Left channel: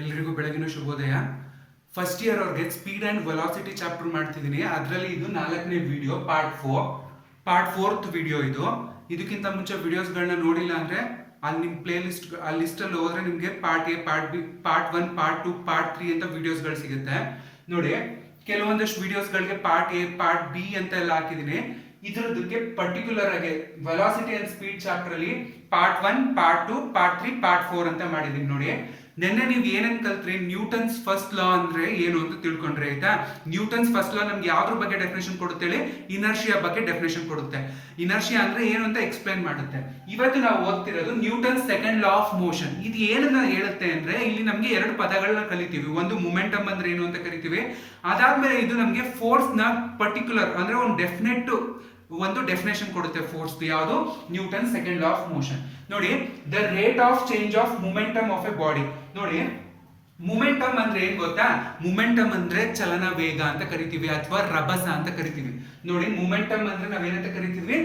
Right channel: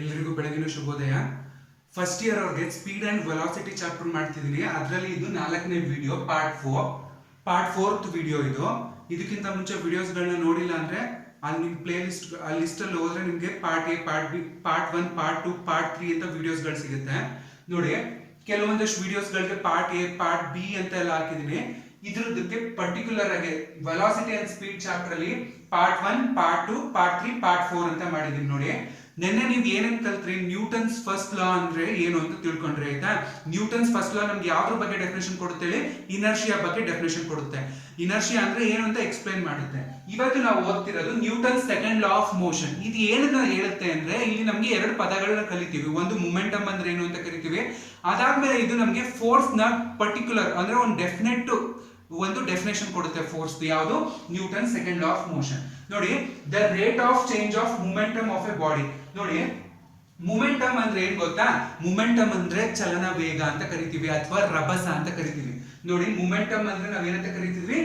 ಎಲ್ಲರಿಗೂ ಬೆಳಗಿನ ಶುಭೋದಯ. ಫಸ್ಟ್ ಇಯರ್ ಅವ್ರಿಗೆ ಸ್ಪೀಡ್ ಆ್ಯಂಡ್ ವೆಲಾಸಿಟಿ ಚಾಪ್ಟರ್ ಮಾಡ್ತಿದ್ದೀನಿ. ಅದರಲ್ಲಿ ಇದು 4ನೇ ವಿಡಿಯೋ, ಪಾರ್ಟ್ 4th ವಿಡಿಯೋ ಇದು. ಇದಕ್ಕಿಂತ ಮುಂಚೆ ವಿಡಿಯೋಸ್ಗಳನ್ನ ನೋಡಿಲ್ಲ ಅಂದರೆ ಅಲ್ಲಿ ನಿಮ್ಮ ಪ್ಲೇ ಲಿಸ್ಟ್ ಆ ಲಿಸ್ಟಲ್ಲಿ ಹೋದರೆ ನಿಮಗೆ part A, part B, part 1, part 2, part 3 ಅಂತ ವಿಡಿಯೋಸ್ಗಳು ಸಿಗುತ್ತೆ. ನೋಡಿ, ಕೆಲವೊಂದಷ್ಟು ವಿಡಿಯೋಸ್ಗಳಿಗೆ ಪಾರ್ಟ್ ಎ, ಪಾರ್ಟ್ ಬಿ ಅಂತ ಎಲ್ಲ ಹಾಕಿದ್ದೀನಿ. ಇದ್ರದಕ್ಕೆ ಪರ್ಟಿಕ್ಯುಲರ್ ಆಗಿ ವೆಲಾಸಿಟಿ ಅಂಡ್ ಸ್ಪೀಡ್ ಚಾಪ್ಟರ್ ಅಲ್ಲಿ ಪಾರ್ಟ್ 1, ಪಾರ್ಟ್ 2, ಪಾರ್ಟ್ 3, ಪಾರ್ಟ್ 4 ಅಂತ ಮಾಡಿದೀನಿ. ನೋಡಿ, ನೆನ್ನೆ ನೀವು ಏನೇನು ಕಲ್ತ್ರಿ, ನ್ಯೂಟನ್ಸ್ ಫಸ್ಟ್ ಲಾ ಅಂದ್ರೆ ಏನು ಅಂತ ತಿಳ್ಕೊಂಡ್ರೆ ಆಯ್ತಾ. ನ್ಯೂಟನ್ಸ್ ಫಸ್ಟ್ ಲಾ ನಮ್ಗೆ ಯಾವ್ದ್ರ ಬಗ್ಗೆ ಡೆಫಿನೇಷನ್ ಕೊಡುತ್ತೆ ಹೇಳಿ? ಇನರ್ಷಿಯಾ ಬಗ್ಗೆ ಡೆಫಿನೇಷನ್ ಕೊಡುತ್ತೆ. ಇನರ್ಷಿಯಾ ಅಂದ್ರೆ ಏನು ಅಂತ ಎಕ್ಸ್ಪ್ಲೈನ್ ಮಾಡುತ್ತೆ. ಇವತ್ತು ನಾವು ಓದ್ತಿರೋದು Newton's second law of motion. ಇದು ಏನನ್ನ ಹೇಳುತ್ತೆ ಅಂದ್ರೆ, ಇಲ್ಲಿ ನಮ್ಗೆ ಎರಡು ಪದಗಳನ್ನ ಕಲಿತೀವಿ. ಒಂದು ಮೊಮೆಂಟಮ್ ಅಂದ್ರೆ ಏನು ಅಂತ ಕರಿತೀವಿ. ಅದಾದ್ಮೇಲೆ ಇದು ನಮ್ಗೆ ಫೋರ್ಸ್ ನ ಪರ್ಟಿಕ್ಯುಲರ್ ಅಂದ್ರೆ ಒಂದು ಡೆಫಿನೇಷನ್ ಕೊಡುತ್ತೆ ಫೋರ್ಸ್. ಯಾವುದು? Newton second law of motion. ನೋಡಿ, the rate of change of momentum of a body. ನೋಡಿ, ಮೊಮೆಂಟಮ್ ಅಂದ್ರೆ ಏನ್ ಗೊತ್ತಾ? ಮೊಮೆಂಟಮ್ ಅಂದ್ರೆ ಚಲನ ವೇಗ ಅಂತ ಕರಿತೀವಿ, ಅಥವಾ ರಭಸ ಅಂತ ಕರಿತೀವಿ. ನೋಡಿ, ಮೊಮೆಂಟಮ್ ಅಂದ್ರೆ ನಾವೇನಂತ ಕರಿತೀವಿ?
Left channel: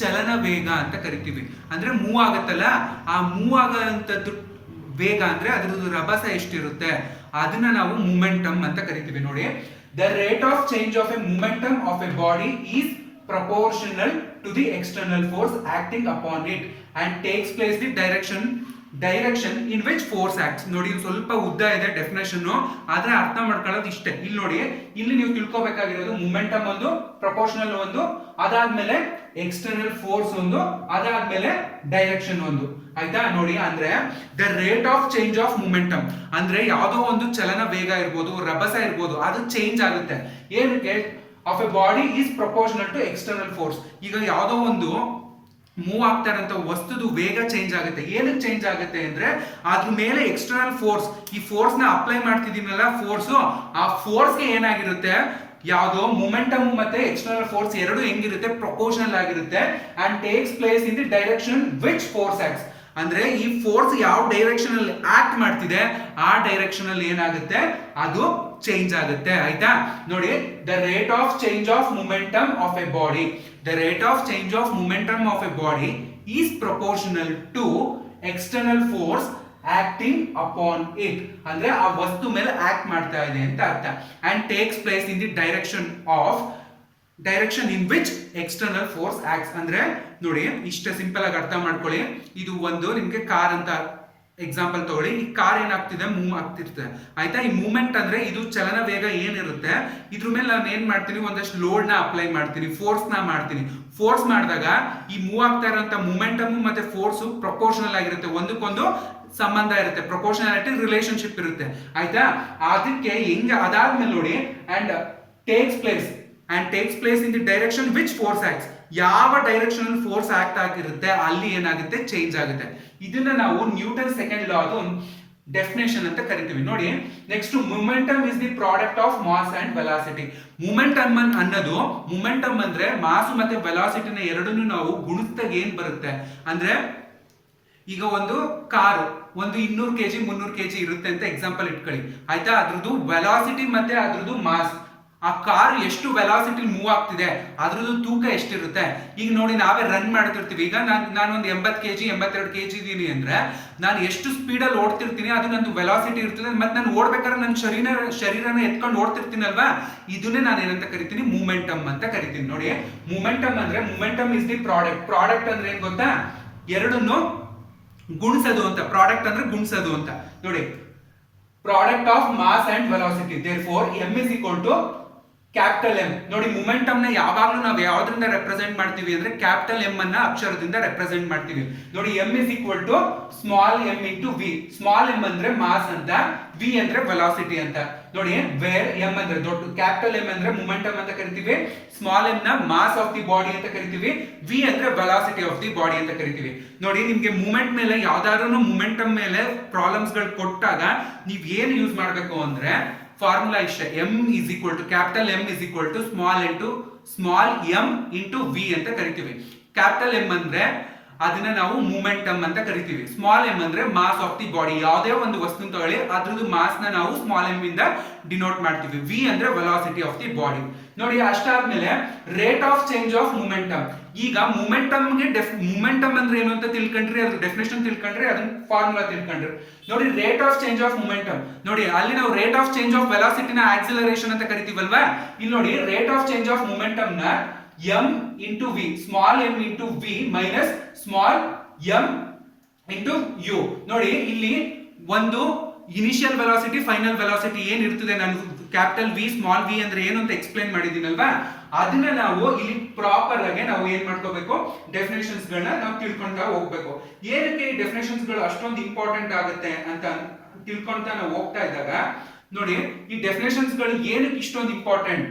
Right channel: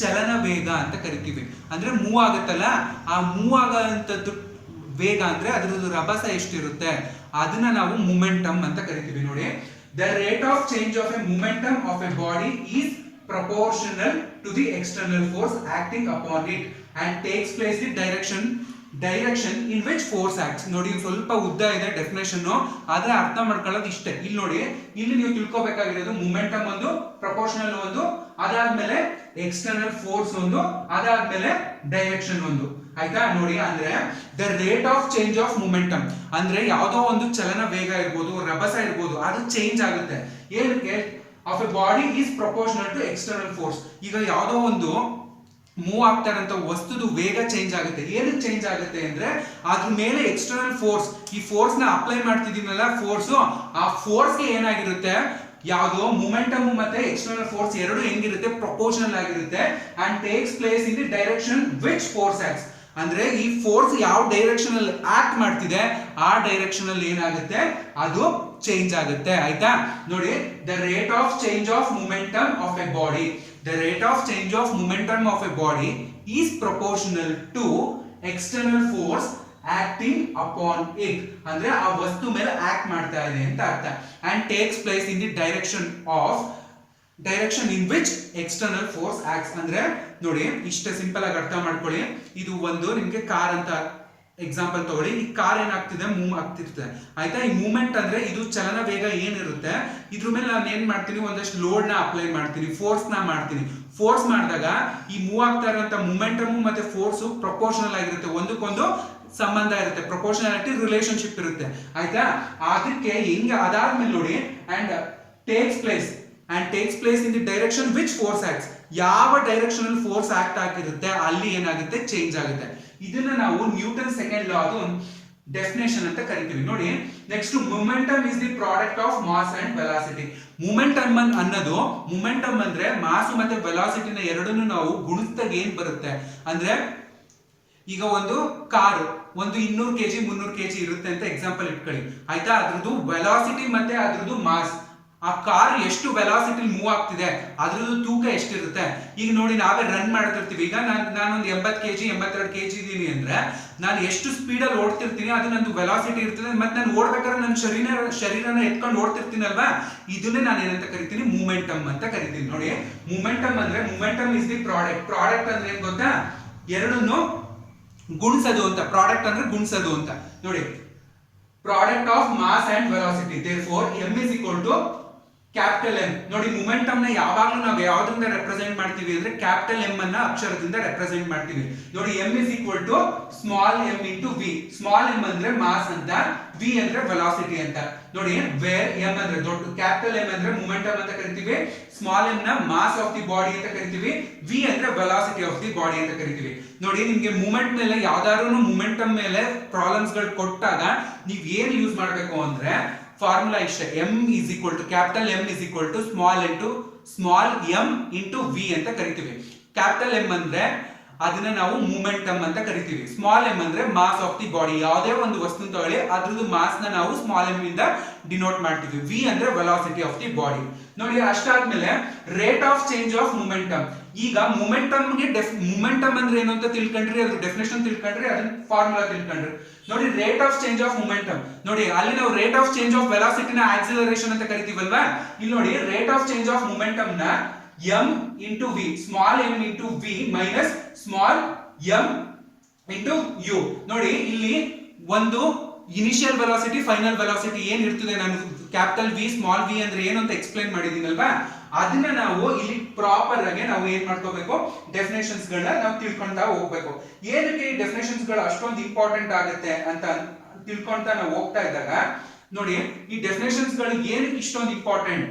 ಚಲನ ವೇಗ ಅಂತ ಕರಿತೀವಿ. ಅಂದ್ರೆ ಮೂವ್ ಆಗುತ್ತಲ್ಲ, ಆ ಮೂವ್ ಆಗಂತದ್ದು ವೇಗ ಅಂದ್ರೆ ಅದ್ರದ್ದು ರಭಸ ಎಷ್ಟಿರುತ್ತೆ ಅದನ್ನ ನಾವು ಮೊಮೆಂಟಮ್ ಅಂತ ಕರಿತೀವಿ. ನೋಡಿ, the rate of change of A momentum of a body is proportional to the external force acting upon it and takes place the direction in which force acts. ನೋಡಿ, ಸ್ವಲ್ಪ ಉದ್ದ ಇದೆ ಡೆಫಿನೇಷನ್, ಆದ್ರೆ ಅರ್ಥ ಮಾಡ್ಕೊಳ್ಳೋದು ಇಷ್ಟೇ. ಇಲ್ಲಿ ನೋಡಿ, ಇಲ್ಲಿ ನೀವು ತಿಳ್ಕೊಬೇಕಾಗಿರೋದು ಮೊಮೆಂಟಮ್ ಒಂದು, ಪ್ರಪೋರ್ಷನಲ್ ಒಂದು, ಅದಾದ್ಮೇಲೆ ಎಕ್ಸ್ಟರ್ನಲ್ ಫೋರ್ಸ್ ಒಂದು, ಅದಾದ್ಮೇಲೆ ಡೈರೆಕ್ಷನ್ ಒಂದು. ಆಯ್ತಾ? ನೋಡಿ, ಅಂದ್ರೆ the rate of change of momentum ಅಂದ್ರೆ ಯಾವ್ದೋ ಒಂದು ಚಲನ ವೇಗ ಇರ್ಬೋದು, ರಭಸ ಇರ್ಬೋದು, ಅದು ಚೇಂಜ್ ಆಗುತ್ತೆ. ಏನಕ್ಕೆ? Of a body is proportional to external force. ಈಗ ಯಾವುದೋ ಒಂದು ಮೂವ್ ಆಗ್ತಾ ಇರೋಂಥ ವಸ್ತುದು ವೇಗ ಚೇಂಜ್ ಆಗುತ್ತೆ. ಏನಕ್ಕೆ ಚೇಂಜ್ ಆಗುತ್ತೆ ಅಂದ್ರೆ, ಅದ್ರ ಮೇಲೆ ಎಕ್ಸ್ಟರ್ನಲ್ ಫೋರ್ಸ್, ಈ ಫೋರ್ಸ್ ನ ಅಪ್ಲೈ ಮಾಡ್ತಿದ್ದೀನಲ್ಲ ಫೋರ್ಸ್, ಆ ಫೋರ್ಸ್ಗೆ ಏನಾಗಿರುತ್ತೆ? ಯಾವುದು? ಮೊಮೆಂಟಮ್ ಮತ್ತೆ ಎಕ್ಸ್ಟರ್ನಲ್ ಫೋರ್ಸ್ ಎರಡು ಹೆಂಗಿರುತ್ತೆ? ಪ್ರಪೋರ್ಷನಲ್ ಆಗಿರುತ್ತೆ. And takes place in the direction which force acts. ಅಂದ್ರೆ ಈ ಫೋರ್ಸ್ ಯಾವ ಡೈರೆಕ್ಷನ್ ಅಲ್ಲಿ ಆಕ್ಟ್ ಮಾಡ್ತಿದೆ ಆ ಡೈರೆಕ್ಷನ್ ಅಲ್ಲಿ ಏನಾಗುತ್ತೆ? ಅದು ಚೇಂಜ್ ಆಗುತ್ತೆ. ಆಯ್ತಾ? ನೋಡಿ, the rate of change of momentum of a body, the rate of change of momentum of a body is proportional to external force acting upon it. ಅಂದ್ರೆ ಆ ವಸ್ತು ಮೇಲೆ ಆಕ್ಟ್ ಮಾಡ್ತಾ ಇದೆ ಅಂತ ಅರ್ಥ. And takes place in the direction in which external force acts. ಅಂದ್ರೆ ನೋಡಿ, ಇಷ್ಟ ಸಿಂಪಲ್ ಆಗಿ ಅರ್ಥ ಮಾಡ್ಕೊಳ್ಳಿ. ಇದು ಒಂದು ನಿಮ್ಗೆ ಕಾರ್ ಅಂತ ಎಕ್ಸಾಂಪಲ್ ತಗೊಳ್ಳಿ. ಈ ಕಾರ್ ಏನಾಗ್ತಿದೆ? ಮೂವ್ ಆಗ್ತಿರ್ತದೆ. ಆಯ್ತಾ? ಈ ಮೂವ್ಮೆಂಟ್ ಅಂದ್ರೆ ಇದು ಚಲನ ವೇಗ ಏನಿರುತ್ತೆ, ಇದ್ರ ಮೇಲೆ ನಾನು ಏನ್ ಮಾಡ್ತೀನಿ? ಒಂದಷ್ಟು ಲೋಡ್ ನ ಅಪ್ಲೈ ಮಾಡ್ತೀನಿ, ಫೋರ್ಸ್ ನ ಮಾಡ್ತೀನಿ. ಫೋರ್ಸ್ ಮಾಡಿದಾಗ ಈ ಮೂವ್ ಆಗ್ತಾ ಇರುವಂತ ಮೂಮೆಂಟಮ್ ಮತ್ತೆ ಫೋರ್ಸ್ ಪ್ರಪೋರ್ಷನಲ್ ಆಗಿರುತ್ತೆ, ಒಂದಕ್ಕೊಂದು ಸಂಬಂಧ ಇರುತ್ತೆ, ಪ್ರಪೋರ್ಷನಾಲಿಟಿ ರಿಲೇಶನ್ಶಿಪ್ ಇರುತ್ತೆ. ಆಯ್ತಾ? ಅದಕ್ಕೆ ಹೆಂಗ ಅದಾದ್ಮೇಲೆ ನೋಡಿ, and takes place in the direction which force acts. ಯಾವ ಡೈರೆಕ್ಷನ್ ಅಲ್ಲಿ ಫೋರ್ಸ್ ಆಕ್ಟ್ ಆಗಿರುತ್ತೆ ಅಲ್ಲಿ ಏನಾಗುತ್ತೆ? ಚೇಂಜ್ ಆಗುತ್ತೆ. ಇದನ್ನ ನಾವು ನ್ಯೂಟನ್ ಸೆಕೆಂಡ್ ಲಾ ಅದು ಡೆಫಿನೇಷನ್ ಅಂತ ಕರಿತೀವಿ. ನೋಡಿ, next, momentum is the product of mass and velocity. Momentum ಅನ್ನೋದು, ಮೊಮೆಂಟಮ್ ಅಂದ್ರೆ ಮಾಸ್ ಮತ್ತೆ ವೆಲಾಸಿಟಿನ ಎರಡನ್ನೂ ನಾವು ಗುಣಿಸಿದಾಗ ಏನ್ ಬರುತ್ತೆ ಅಂದ್ರೆ, ಈಗ ಒಂದು ಕಾರು ಒಂದು 200 kg 300 kg ಇರುತ್ತೆ ಅಂತ ಎಕ್ಸಾಂಪಲ್ ಇಟ್ಕೊಳ್ಳಿ. ಆಯ್ತಾ? ಅದ್ರದ್ದು ವೆಲಾಸಿಟಿ ಮತ್ತೆ ಅದ್ರದ್ದು ಮಾಸ್, ಆ ಕಾರ್ ಎಷ್ಟು ವೆಲಾಸಿಟಿ ಮೂವ್ ಆಗ್ತಿದೆ ಅದ್ರದ್ದು ತೂಕ ಎಷ್ಟಿರುತ್ತೆ. ಈಗ ನೋಡಿ, ನಾವೇ ರನ್ ಮಾಡ್ತಿರ್ತೀವಿ. ಈಗ ನಾನೊಂದು 80 kg 82 kg ಇದೀನಿ ಅಂದ್ರೆ ನಾನು ಎಷ್ಟು ಸ್ಪೀಡಲ್ಲಿ ಓಡ್ತಿರ್ತೀನಿ ಅದು ನಂದು ವೆಲಾಸಿಟಿ ಇರ್ತದೆ. ಮತ್ತೆ ನಾನು ಓಡ್ಬೇಕಾದ್ರೆ ನನ್ನ ಶರೀರನ ಎತ್ಕೊಂಡು ಓಡ್ತಿರ್ತೀನಲ್ವಾ, ಇದನ್ನೇ ನಾನು ಏನಂತ ಕರಿತೀನಿ? ಮೂಮೆಂಟಮ್ ಅಂತ ಕರಿತೀನಿ. ನೋಡಿ, ಮೂಮೆಂಟಮ್ ಅಂದ್ರೆ, ಮೂಮೆಂಟಮ್ ಇಸ್ ದಿ ಪ್ರಾಡಕ್ಟ್ ಅಂದ್ರೆ ಏನ್ ಗೊತ್ತಾ? ಎರಡನ್ನು ಗುಣಿಸೋದು ಅಂತ. ಪ್ರಾಡಕ್ಟ್ ಅಂದ್ರೆ ಗುಣಿಸೋದು ಅಂತ. ನೋಡಿ, product of mass and velocity, therefore m is equal to capital M. ನೋಡಿ, ಮೊಮೆಂಟಮ್ ನ ಯಾವಾಗಲೂ ನಾವು ಯಾವ್ದ್ರಿಂದ ರೆಪ್ರೆಸೆಂಟ್ ಮಾಡ್ತೀವಿ ಅಂದ್ರೆ ಕ್ಯಾಪಿಟಲ್ ಎಂ ಅನ್ನ ಅಕ್ಷರದಿಂದ ರೆಪ್ರೆಸೆಂಟ್ ಮಾಡ್ತೀವಿ. ನೋಡಿ, m is equal to small m into v. Small m ಅಂದ್ರೆ ಮಾಸ್ ಅಂತ, v ಅಂದ್ರೆ ವೆಲಾಸಿಟಿ ಅಂತ. ನೋಡಿ, ವೇರ್ m ಅಂದ್ರೆ ದೊಡ್ಡ, ಕ್ಯಾಪಿಟಲ್ M ಅಂದ್ರೆ ಮೊಮೆಂಟಮ್ ಅಂತ ಕರಿತೀವಿ, ಸ್ಮಾಲ್ m ನ ಮಾಸ್ ಆಫ್ ದಿ ಬಾಡಿ ಅಂತ ಕರಿತೀವಿ, v ಅಂದ್ರೆ ವೆಲಾಸಿಟಿ ಆಫ್ ದಿ ಬಾಡಿ ಅಂತ ಕರಿತೀವಿ. ನೋಡಿ, ನಿಮ್ಗೆ ಮೂಮೆಂಟ್ ಮೇಲೆ ಯಾವ್ದಾದ್ರು ಮೊಮೆಂಟಮ್ ಮೇಲೆ ಪ್ರಾಬ್ಲಮ್ಸ್ ಗಳು ಕೊಟ್ಟಾಗ ನೀವ್ ಏನ್ ಯೂಸ್ ಮಾಡ್ಬೇಕು ಅಂದ್ರೆ, ಫಾರ್ಮುಲಾ ಇಷ್ಟ, m is equal to capital M is equal to small m into v ಅಂತ ಕರಿತೀವಿ. ಕ್ಯಾಪಿಟಲ್ M ಅಂದ್ರೆ ಅದನ್ನ ನಾವು ಮೊಮೆಂಟಮ್ ಅಂತ ಕರಿತೀವಿ. ಸ್ಮಾಲ್ m ಅಂದ್ರೆ ಮಾಸ್ ಆಫ್ ದಿ ಬಾಡಿ. ಯಾವುದೇ ಒಂದು ವಸ್ತು ತಗೊಳ್ಳಿ, ಅದ್ರದ್ದು ಮಾಸ್ ನ ನಾವು ಸ್ಮಾಲ್ m ಇಂದ ಡಿನೋಟ್ ಮಾಡ್ತೀವಿ. v ಅಂದ್ರೆ ವೆಲಾಸಿಟಿ ಆಫ್ ದಿ ಬಾಡಿ. ನೋಡಿ, ಅಷ್ಟಾದ್ಮೇಲೆ rate of change of momentum. ಈಗ ಮೊಮೆಂಟಮ್ ಅಂದ್ರೆ ಏನು ಅಂತ ತಿಳ್ಕೊಂಡ್ರಿ, ಅದ್ರ ಡೆಫಿನೇಷನ್ ತಿಳ್ಕೊಂಡ್ರಿ, ಅದನ್ನ ಫಾರ್ಮುಲಾ ತಿಳ್ಕೊಂಡ್ರಿ. ನೋಡಿ rate of change of momentum, ನೋಡಿ ಅಲ್ಲಿ ನಾವು ರೇಟ್ ಆಫ್ ಚೇಂಜ್ ಆಫ್ ವೆಲಾಸಿಟಿನ ಆಕ್ಸಿಲರೇಷನ್ ಅಂತ ಕರಿತೀವಲ್ವಾ, ಇಲ್ಲಿ ನೋಡಿ rate of change of momentum ನ m into v, small m into v minus small m into u. ನೋಡಿ ಇಲ್ಲಿ ಒಂದು ಇನಿಷಿಯಲ್ ವೆಲಾಸಿಟಿ ಫೈನಲ್ ವೆಲಾಸಿಟಿ ಏನ್ ಇರ್ತದೆ, ನಾನು ಕ್ಯಾಪಿಟಲ್ ವಿ ಸ್ಮಾಲ್ ವಿ ಅಂದ್ರೆ ಏನು ಅಂತ ಎಕ್ಸ್ಪ್ಲೈನ್ ಮಾಡಿದೀನಲ್ವಾ, ಅದನ್ನ ನಾವು ಇಲ್ಲಿ ಪ್ರಾಪರ್ ಆಗಿ ನಾವು ಏನ್ ಮಾಡ್ಕೋಬೇಕು, ಡೆಫಿನೇಷನ್ಸ್ ಗಳನ್ನ ನಾವು ತಿಳ್ಕೊಂತಾ ಹೋಗ್ಬೇಕು. ಏನಕ್ಕೆ ಈ ಡೆಫಿನೇಷನ್ಸ್ ಗಳು ಅಷ್ಟೊಂದು ಇಂಪಾರ್ಟೆಂಟ್ ಆಗುತ್ತೆ ಅಂತ ತಿಳ್ಕೊಂತಾ ನಾವು ಹೋಗ್ತಾ ಇದ್ದಾಗ, ನೋಡಿ ಈ ಡೆಫಿನೇಷನ್ಸ್ ಗಳು ಏನಕ್ಕೆ ಇಷ್ಟೊಂದು ಇಂಪಾರ್ಟೆಂಟ್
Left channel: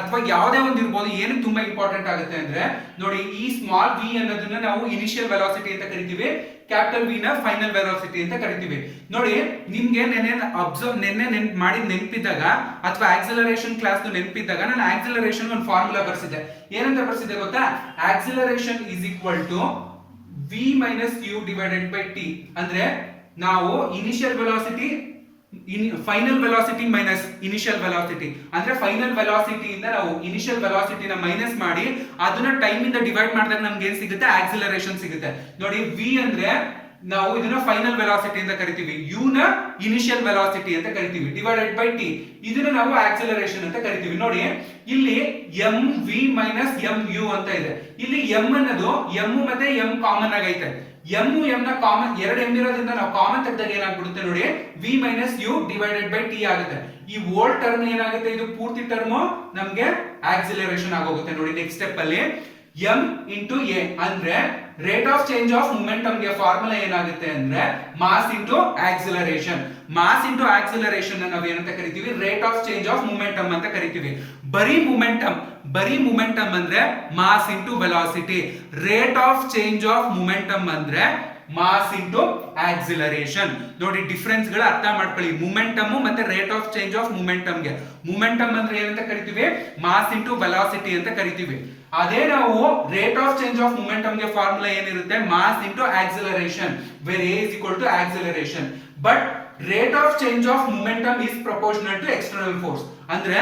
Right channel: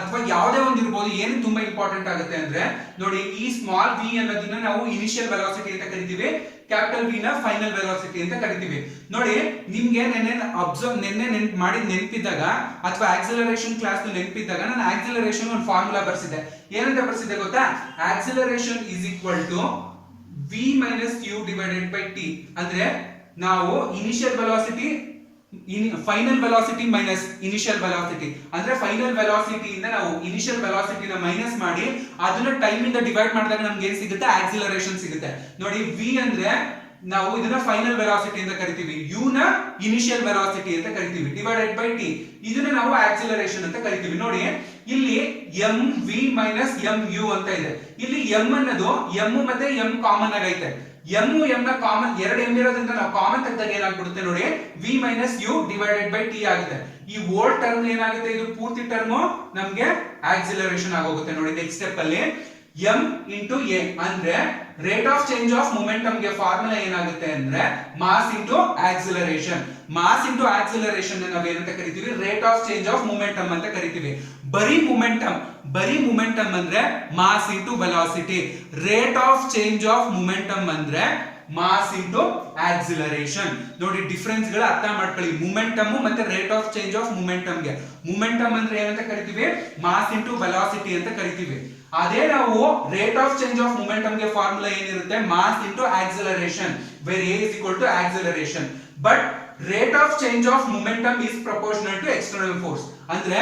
ಅಥವಾ ಯಾವುದೇ ಒಂದು ಇರ್ಬೋದು, ಏನಕ್ಕೆ ತುಂಬಾ ಇಂಪಾರ್ಟೆಂಟ್ ಆಗುತ್ತೆ ಅಂದ್ರೆ, ನೋಡಿ ಈ ಸ್ಮಾಲ್ ವಿ ಅನ್ನೋದನ್ನ ನಾವು ಇನಿಷಿಯಲ್ ವೆಲಾಸಿಟಿ ಅಂತ ಕರಿತೀವಿ, ಕ್ಯಾಪಿಟಲ್ ವಿ ನ ಫೈನಲ್ ವೆಲಾಸಿಟಿ ಅಂತ ಕರಿತೀವಿ. ನೋಡಿ ನಿಮ್ಗೆ ನೆನ್ನೆ ನೆನಪಿದ್ದಾಗ ಅಥವಾ ಆಕ್ಸಿಲರೇಷನ್ ಕ್ಲಾಸ್ ನೆನಪಿದ್ದಾಗ ನಾನು ಆಕ್ಸಿಲರೇಷನ್ ಒಂದು ಫಾರ್ಮುಲಾ ಬರ್ಸಿದ್ದೆ. ಏನಂತ ಬರ್ಸಿದ್ದೆ ಗೊತ್ತಾ, acceleration is equal to v minus u divided by t. ಅಂದ್ರೆ ನಾವು initial velocity final velocity minus initial velocity, ಅಂದ್ರೆ ಫೈನಲ್ ವೆಲಾಸಿಟಿ ಇಂದ ನಾವು ಇನಿಷಿಯಲ್ ವೆಲಾಸಿಟಿನ ಮೈನಸ್ ಮಾಡಿ ಅದನ್ನ ಟೈಮ್ ಇಂದ ಡಿವೈಡ್ ಮಾಡಿದಾಗ ನಮ್ಗೆ ಏನ್ ಸಿಗುತ್ತೆ, ಆಕ್ಸಿಲರೇಷನ್ ಸಿಗುತ್ತೆ. ನೋಡಿ ವಿ ಅಂದ್ರೆ ನಾವು ಇದನ್ನ ಫೈನಲ್ ವೆಲಾಸಿಟಿ ಅಂತ ಕರಿತೀವಿ, ಯು ನ ಇನಿಷಿಯಲ್ ವೆಲಾಸಿಟಿ ಅಂತ ಕರಿತೀವಿ, ಡಿವೈಡೆಡ್ ಬೈ ಟಿ ಇದನ್ನ ನಾವು ಆಕ್ಸಿಲರೇಷನ್ ಅಂತ ಕರಿತೀವಿ. ನೋಡಿ ಇಲ್ಲಿ m v minus m u ಅಂತ ಇದೆ. ಇಲ್ಲಿ ಎಂ ಅನ್ನೋದು ಎಂ ಮತ್ತೆ ಎಂ ಕಾಮನ್ ಆಗೈತೆ, ಎಂ ನ ಕಾಮನ್ ಎರಡು ಎಂ ಇರೋದ್ರಿಂದ ನಾವು ಕಾಮನ್ ತೆಗೆದಾಗ ಏನಾಗ್ಬಿಡುತ್ತೆ ನೋಡಿ, v minus u divided by t ಆಗುತ್ತೆ. ಈ ಓಲ್ಡ್ ಟರ್ಮ್ ಏನಾಗುತ್ತೆ, ಇದು ಪೂರ್ತಿ ಟರ್ಮ್ ನಮ್ಗೆ ಆಕ್ಸಿಲರೇಷನ್ ಆಗೋಗುತ್ತೆ. ನೋಡಿ ನೆಕ್ಸ್ಟ್ ಸ್ಟೆಪ್ ಅಲ್ಲಿ m ಇಂಟು ಎ ಅಂದ್ರೆ rate of change of momentum ಗೆ ಫಾರ್ಮುಲಾ ಏನಾಗುತ್ತೆ ಅಂದ್ರೆ mass into acceleration. Mass into acceleration ನಾವು ಏನಂತ ಕರಿತೀವಿ, rate of change of momentum ಅಂತ ಕರಿತೀವಿ. ಬರೀ ಮೊಮೆಂಟಮ್ ಅಂದ್ರೆ mass into velocity, rate of change of momentum ಅಂದ್ರೆ ಮಾಸ್ ಇಂಟು ಆಕ್ಸಿಲರೇಷನ್. ನೋಡಿ ಡಿಫರೆನ್ಸ್ ಗಳ ಅರ್ಥ ಮಾಡ್ಕೊಳ್ಳಿ, ಮೊಮೆಂಟಮ್ ಮತ್ತೆ rate of change of momentum ಗೆ. ಮೊಮೆಂಟಮ್ ಅಂದ್ರೆ ಏನಂತ ಕರಿತೀವಿ, ಮಾಸ್ ಇಂಟು ವೆಲಾಸಿಟಿ ಅಂತ ಕರಿತೀವಿ. ಅದೇ ನಾವು rate of change of momentum ಗೆ ಫಾರ್ಮುಲಾ ಏನಿರುತ್ತೆ, mass into acceleration, where a is equal to acceleration. But rate of change of momentum is proportional to external force. ಅಂದ್ರೆ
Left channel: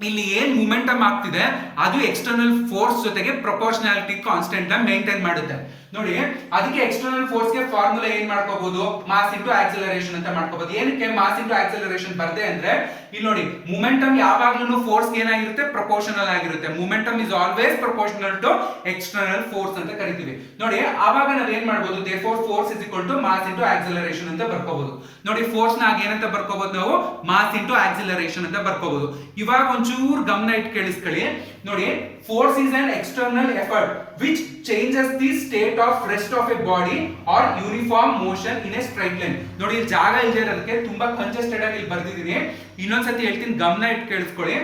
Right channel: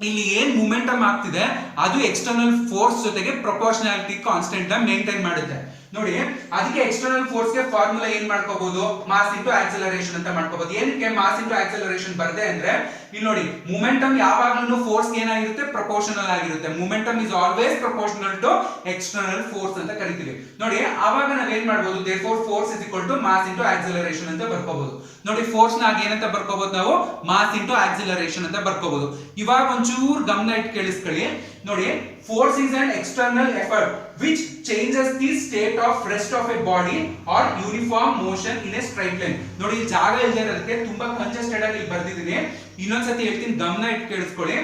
ಇಲ್ಲಿ ಏನ್ ಮೊಮೆಂಟಮ್ ಆಗ್ತಿದೆ ಅದು ಎಕ್ಸ್ಟರ್ನಲ್ ಫೋರ್ಸ್ ಜೊತೆಗೆ ಪ್ರಪೋರ್ಷನಾಲಿಟಿ ಕಾನ್ಸ್ಟೆಂಟ್ ನ maintain ಮಾಡುತ್ತೆ. ನೋಡಿ ಅದಕ್ಕೆ ಎಕ್ಸ್ಟರ್ನಲ್ ಫೋರ್ಸ್ ಗೆ ಫಾರ್ಮುಲಾ ಏನ್ ಮಾಡ್ಕೋಬಹುದು, ಮಾಸ್ ಇಂಟು ಆಕ್ಸಿಲರೇಷನ್ ಅಂತ ಮಾಡ್ಕೋಬಹುದು. ಏನಕ್ಕೆ ಮಾಸ್ ಇಂಟು ಆಕ್ಸಿಲರೇಷನ್ ಬರ್ದೆ ಅಂದ್ರೆ, ಇಲ್ಲಿ ನೋಡಿ ಮೊಮೆಂಟಮ್ ಯಾವಾಗ್ಲೂ ಫೋರ್ಸ್ ಏನಾಗಿರುತ್ತೆ, ಪ್ರಪೋರ್ಷನಲ್ ಆಗಿರುತ್ತೆ. Momentum is always proportional to external force ಅಂತ ಕರಿತೀವಿ. ನೋಡಿ ಆವಾಗ ನಾವ್ ಏನ್ ಮಾಡಬಹುದು, therefore force is equal to mass into acceleration ಅಂತ ಬರ್ಕೋಬಹುದು. ನೋಡಿ ಫೋರ್ಸ್ ನ ಏನಂತ ಬರ್ಕೋಬಹುದು ನಾವು, ಮಾಸ್ ಇಂಟು ಆಕ್ಸಿಲರೇಷನ್ ಅಂತ ಬರ್ಕೋಬಹುದು. ಇವಾಗ ಒಂಚೂರು ಗಮನ ಇಟ್ಟು ಕೇಳಿಸ್ಕೊಳ್ಳಿ. ನೋಡಿ force is an external effort which changes the state of rest of a body or uniform motion in a straight line. ನೋಡಿ ಜಾಗ ಇದೆ ಅದಕ್ಕೆ ತುಂಬಾ ಕಂಜೆಸ್ಟೆಡ್ ಆಗಿ ಇಲ್ಲಿ ಬರ್ದಿದ್ದೀನಿ, ಇನ್ನೊಂದ್ಸತಿ ಹೇಳ್ತೀನಿ ಗಮನ ಇಟ್ಟು ಕೇಳಿಸ್ಕೊಳ್ಳಿ.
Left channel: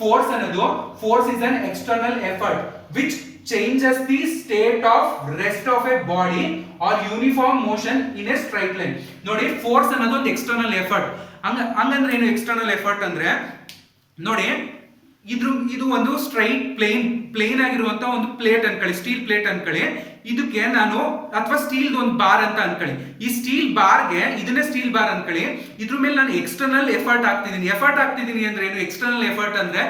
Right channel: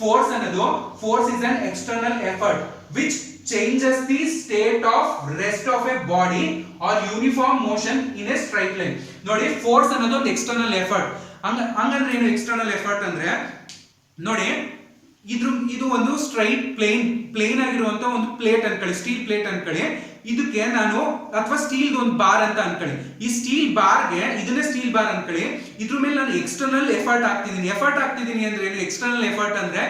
ಫೋರ್ಸ್ ಅನ್ನೋದು force is an external effort which changes the state of rest of a body or uniform motion in a straight line. ನೋಡಿ ಫೋರ್ಸ್ ಅನ್ನೋದು ಒಂದು ಎಕ್ಸ್ಟರ್ನಲ್ ಎಫರ್ಟ್. ಹಂಗಂದ್ರೆ ಏನು ಎಕ್ಸ್ಟರ್ನಲ್ ಎಫರ್ಟ್ ಅಂದ್ರೆ, ನೋಡಿ ಇದು ಒಂದು ಸ್ಟ್ರೈಟ್ ಪ್ಲೇನ್ ಆಗಿರುವಂತ ಒಂದು ಪ್ಲೇಟ್ ಅನ್ಕೊಳ್ಳಿ, ಸ್ಟೀಲ್ ಪ್ಲೇಟ್ ಅನ್ಕೊಳ್ಳಿ. ಇದಕ್ಕೆ ನಾನು ಅಥವಾ ಸ್ಟೀಲ್ ಒಂದು ಬಾರ್ ಅಂತ ಅನ್ಕೊಳ್ಳಿ. ಈ ಸ್ಟೀಲ್ ಬಾರ್ಗೆ ಇದನ್ನೇ ಸ್ಟೀಲ್ ಬಾರ್ ಅನ್ಕೊಳ್ಳಿ. ಇದ್ರ ಮೇಲೆ ನಾನು ಎಕ್ಸ್ಟರ್ನಲ್ ಎಫರ್ಟ್ ಆಗ್ತಿದ್ದೀನಿ ಅಂದ್ರೆ ಏನು, ಎಕ್ಸ್ಟರ್ನಲ್ ಎಫರ್ಟ್ ಅಂದ್ರೆ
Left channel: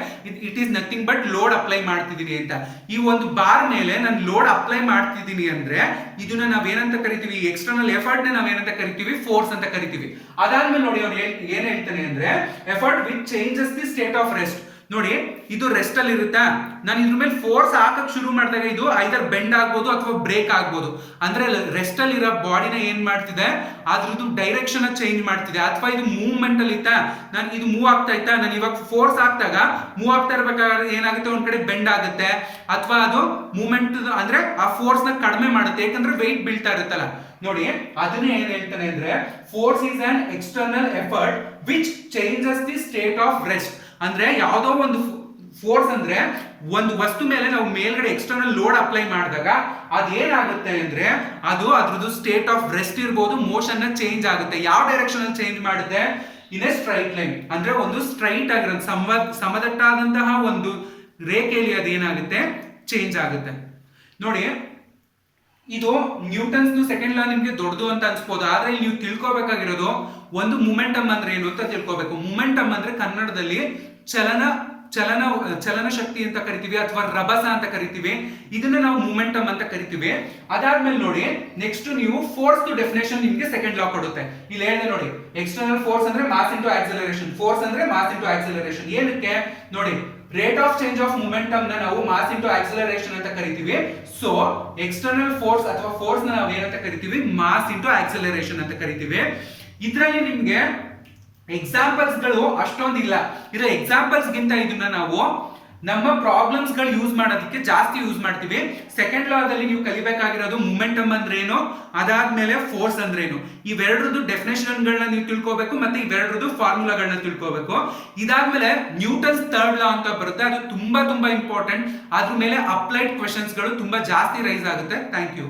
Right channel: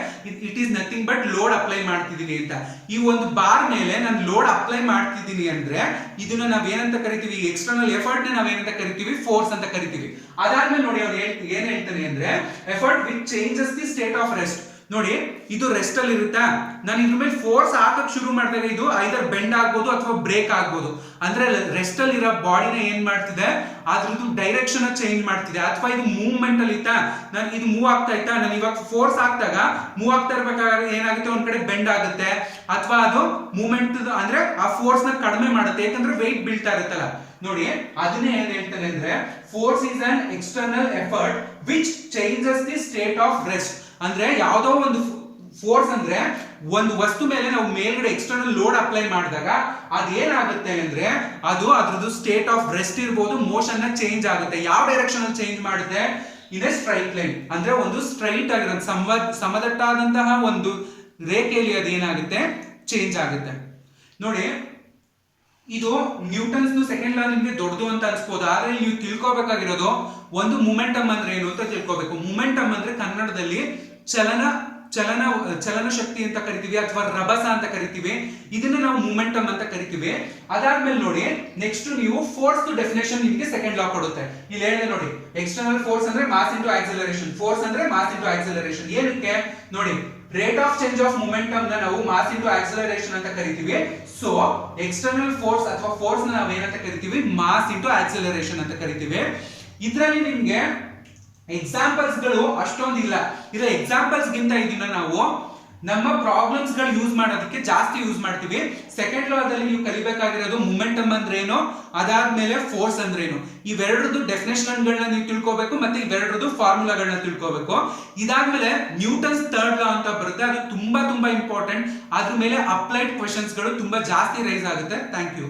it is nothing but load apply ಮಾಡ್ತಿದ್ದೀನಿ ಅಂತ. ಈ ಒಂದು ಬಾರ್ ಮೇಲೆ ನಾನು ಲೋಡ್ ಅಪ್ಲೈ ಮಾಡ್ತಿದ್ದೀನಿ ಅಂದ್ರೆ ಇದನ್ನ ನಾವೇನಂತ ಕರಿತೀವಿ, ಎಕ್ಸ್ಟರ್ನಲ್ ಎಫರ್ಟ್ ನಾವೇನಂತ ಕರಿತೀವಿ, ಫೋರ್ಸ್ ಅಂತ ಕರಿತೀವಿ. ಅದಾದ್ಮೇಲೆ ನೋಡಿ ಅವ್ನು ಏನ್ ಹೇಳ್ತಾನೆ ಅಂದ್ರೆ, effort which changes the state of rest. ನೋಡಿ ಇದು ರೆಸ್ಟ್ ಅಲ್ಲಿ ಇರುತ್ತಾ, ನಾನು ಇದ್ರ ಮೇಲೆ ಫೋರ್ಸ್ ಹಾಕಕ್ ಶುರು ಮಾಡಿದಾಗ ಇದು ಐದರ್ ಬೆಂಡ್ ಆಗ್ಬೋದು ಅಥವಾ ಬ್ರೇಕ್ ಆಗ್ಬೋದು. ಅಂದ್ರೆ ರೆಸ್ಟ್ ಅಲ್ಲಿ ಇರೋ ಬಾಡಿನ ಏನ್ ಮಾಡ್ತಿದೆ, ಅದ್ರದ್ದು ಡೈರೆಕ್ಷನ್ ಚೇಂಜ್ ಮಾಡ್ತಿದೆ. ಅಥವಾ ಇದು ಮೂವ್ಮೆಂಟ್ ಅಲ್ಲಿ ಇತ್ತಾ, ನಾನು ಇದು ಮೂವ್ ಆಗ್ತಾ ಇತ್ತಾ, ನಾನು ಇವಾಗ ಫೋರ್ಸ್ ಹಾಕ್ದಾಗ ಮೂವ್ ಆಗ್ತಾ ಇರ್ಬೇಕಾದ್ರೆ ಏನಾಗುತ್ತೆ, ಒಂದ್ ಕಡೆ ಬೆಂಡ್ ಆಗುತ್ತೆ ಅಥವಾ ಅದು ಮೂವ್ಮೆಂಟ್ ಅಂದ್ರೆ ಆ ಫೋರ್ಸ್ ನ ಕಡಿಮೆ ಮಾಡುತ್ತೆ, ಯಾಕಂದ್ರೆ ವೆಯ್ಟ್ ಬೀಳ್ತಾ ಇರುತ್ತಲ್ಲ. ನೋಡಿ ಅದನ್ನೇ ಏನ್ ಹೇಳ್ತಾನೆ ಅಂದ್ರೆ, force is an external effort which changes the state of rest. ಅಂದ್ರೆ ಯಾವುದೋ ಒಂದು ಫೋರ್ಸ್ ಅಂದ್ರೆ ಒಂದು ವಸ್ತು ಮೇಲೆ ನಾವು ಮೇಲ್ಗಡೆ ಎಕ್ಸ್ಟರ್ನಲ್ ಲೋಡ್ ಅಪ್ಲೈ ಮಾಡಿದಾಗ ಅದೇನಾಗುತ್ತೆ ಅಂದ್ರೆ ಅದು ಅದ್ರದ್ದು ಸ್ಟೇಟ್ ಆಫ್ ರೆಸ್ಟ್ ಇರ್ಬೋದು, ಮೋಷನ್ ನ ಚೇಂಜ್ ಆಗುತ್ತೆ. ಯಾವ ಡೈರೆಕ್ಷನ್ ಅಲ್ಲಿ ಚೇಂಜ್ ಮಾಡುತ್ತೆ, ಇನ್ ಎ ಸ್ಟ್ರೈಟ್ ಲೈನ್. ಅಂದ್ರೆ ಒಂದು ಸ್ಟ್ರೈಟ್ ಆಗಿರೋ ಸಮದಟ್ಟಾದಂತಹ ಒಂದು ರೇಖೆಯಲ್ಲಿ ಅದೇನಾಗುತ್ತೆ, ಚೇಂಜ್ ಆಗುತ್ತೆ. ನೋಡಿ ಇದು ನ್ಯೂಟನ್ಸ್ ಸೆಕೆಂಡ್ ಲಾ ನಿಮ್ಗೆ ದೊಡ್ಡದು ಅಂತ ಅನ್ಸ್ಬೋದು, ಆದ್ರೆ ನೀವು ತಿಳ್ಕೊಬೇಕಾಗಿರೋದು ಒಂದು ಮೊಮೆಂಟಮ್ ಅಂದ್ರೆ ಏನು ಅಂತ ತಿಳ್ಕೊಬೇಕು. ಮೊಮೆಂಟಮ್ ಅಂದ್ರೆ ಕನ್ನಡದಲ್ಲಿ ಚಲನ ಚಲನ ಶಕ್ತಿ ಅಂತ ಕರಿತೀವಿ ಅಥವಾ ರಭಸ ಅಂತ ಕರಿತೀವಿ. ಇದನ್ನ ನಾವು ಮೂಮೆಂಟಮ್ ಅಂತ ಕರಿತೀವಿ. ಅದಾದ್ಮೇಲೆ ನೋಡಿ ನೆಕ್ಸ್ಟ್ ನೀವು ಫೋರ್ಸ್ ಡೆಫಿನೇಷನ್ ನಿಮ್ಗೆ ಸೆಕೆಂಡ್ ಲಾ ಕೊಡುತ್ತೆ. ಇಲ್ಲಿ ಹೇಳಿದೆ ನೋಡಿ, ಎಕ್ಸ್ಟರ್ನಲ್ ಫೋರ್ಸ್ ಅಂದ್ರೆ ಮಾಸ್ ಇಂಟು ಆಕ್ಸಲರೇಷನ್. ಫೋರ್ಸ್ ಅಂದ್ರೆ ಮಾಸ್ ಇಂಟು ಆಕ್ಸಲರೇಷನ್. ಏನಕ್ಕೆ ನೋಡಿ, rate of change of momentum ನ ನಾವು ಮಾಸ್ ಇಂಟು ಆಕ್ಸಲರೇಷನ್ ಅಂತ ಕರಿತೀವಿ. ಸೊ ಎಕ್ಸ್ಟರ್ನಲ್ ಫೋರ್ಸ್ ಅಥವಾ ಫೋರ್ಸ್ ನ ನಾವು ಏನಂತ ಕರಿತೀವಿ, ಮಾಸ್ ಇಂಟು ಆಕ್ಸಲರೇಷನ್ ಅಂತ ಕರಿತೀವಿ. ಇದರಲ್ಲಿ ನಿಮ್ಗೆ ಎಕ್ಸಾಂಪಲ್ಸ್ ಗಳು ಅಷ್ಟೊಂದಿಲ್ಲ. ಇದರ ಎಕ್ಸಾಂಪಲ್ಸ್ ಗಿಂತ ಇದನ್ನ ನಾವು ನಮ್ಮ ಪ್ರಾಬ್ಲಮ್ಸ್ ಗಳು ಯೂಸ್ ಮಾಡೋದಕ್ಕೆ ಜಾಸ್ತಿ ಯೂಸ್ ಮಾಡ್ತೀವಿ. ಸೆಕೆಂಡ್ ಲಾದಲ್ಲಿ ನೀವು ಕಲಿಬೇಕಾಗಿರೋದು ಮೂಮೆಂಟಮ್ ಅಂದ್ರೆ ಏನು, ಅದಾದ್ಮೇಲೆ ಫೋರ್ಸ್ ಅಂದ್ರೆ ಏನು, ಇವೆರಡರದ್ದು ಡೆಫಿನೇಷನ್ ಗಳನ್ನ ನೀವು ತಿಳ್ಕೋಬೇಕು, ಮತ್ತೆ ಇವೆರಡರದ್ದು ಫಾರ್ಮುಲಾಗಳನ್ನ ತಿಳ್ಕೋಬೇಕು. ಇದಾದ್ಮೇಲೆ ನ್ಯೂಟನ್ಸ್ ಥರ್ಡ್ ಲಾ ಅಂತ ಬರುತ್ತೆ, ಅದು ತುಂಬಾ ಇಂಪಾರ್ಟೆಂಟ್. ಅದ್ರ ಮೇಲೆ ಅಪ್ಲೈಡ್ ಕ್ವೆಶನ್ಸ್ ಗಳು ತುಂಬಾ ಜಾಸ್ತಿ ರೈಸ್ ಆಗುತ್ತೆ. Thank you.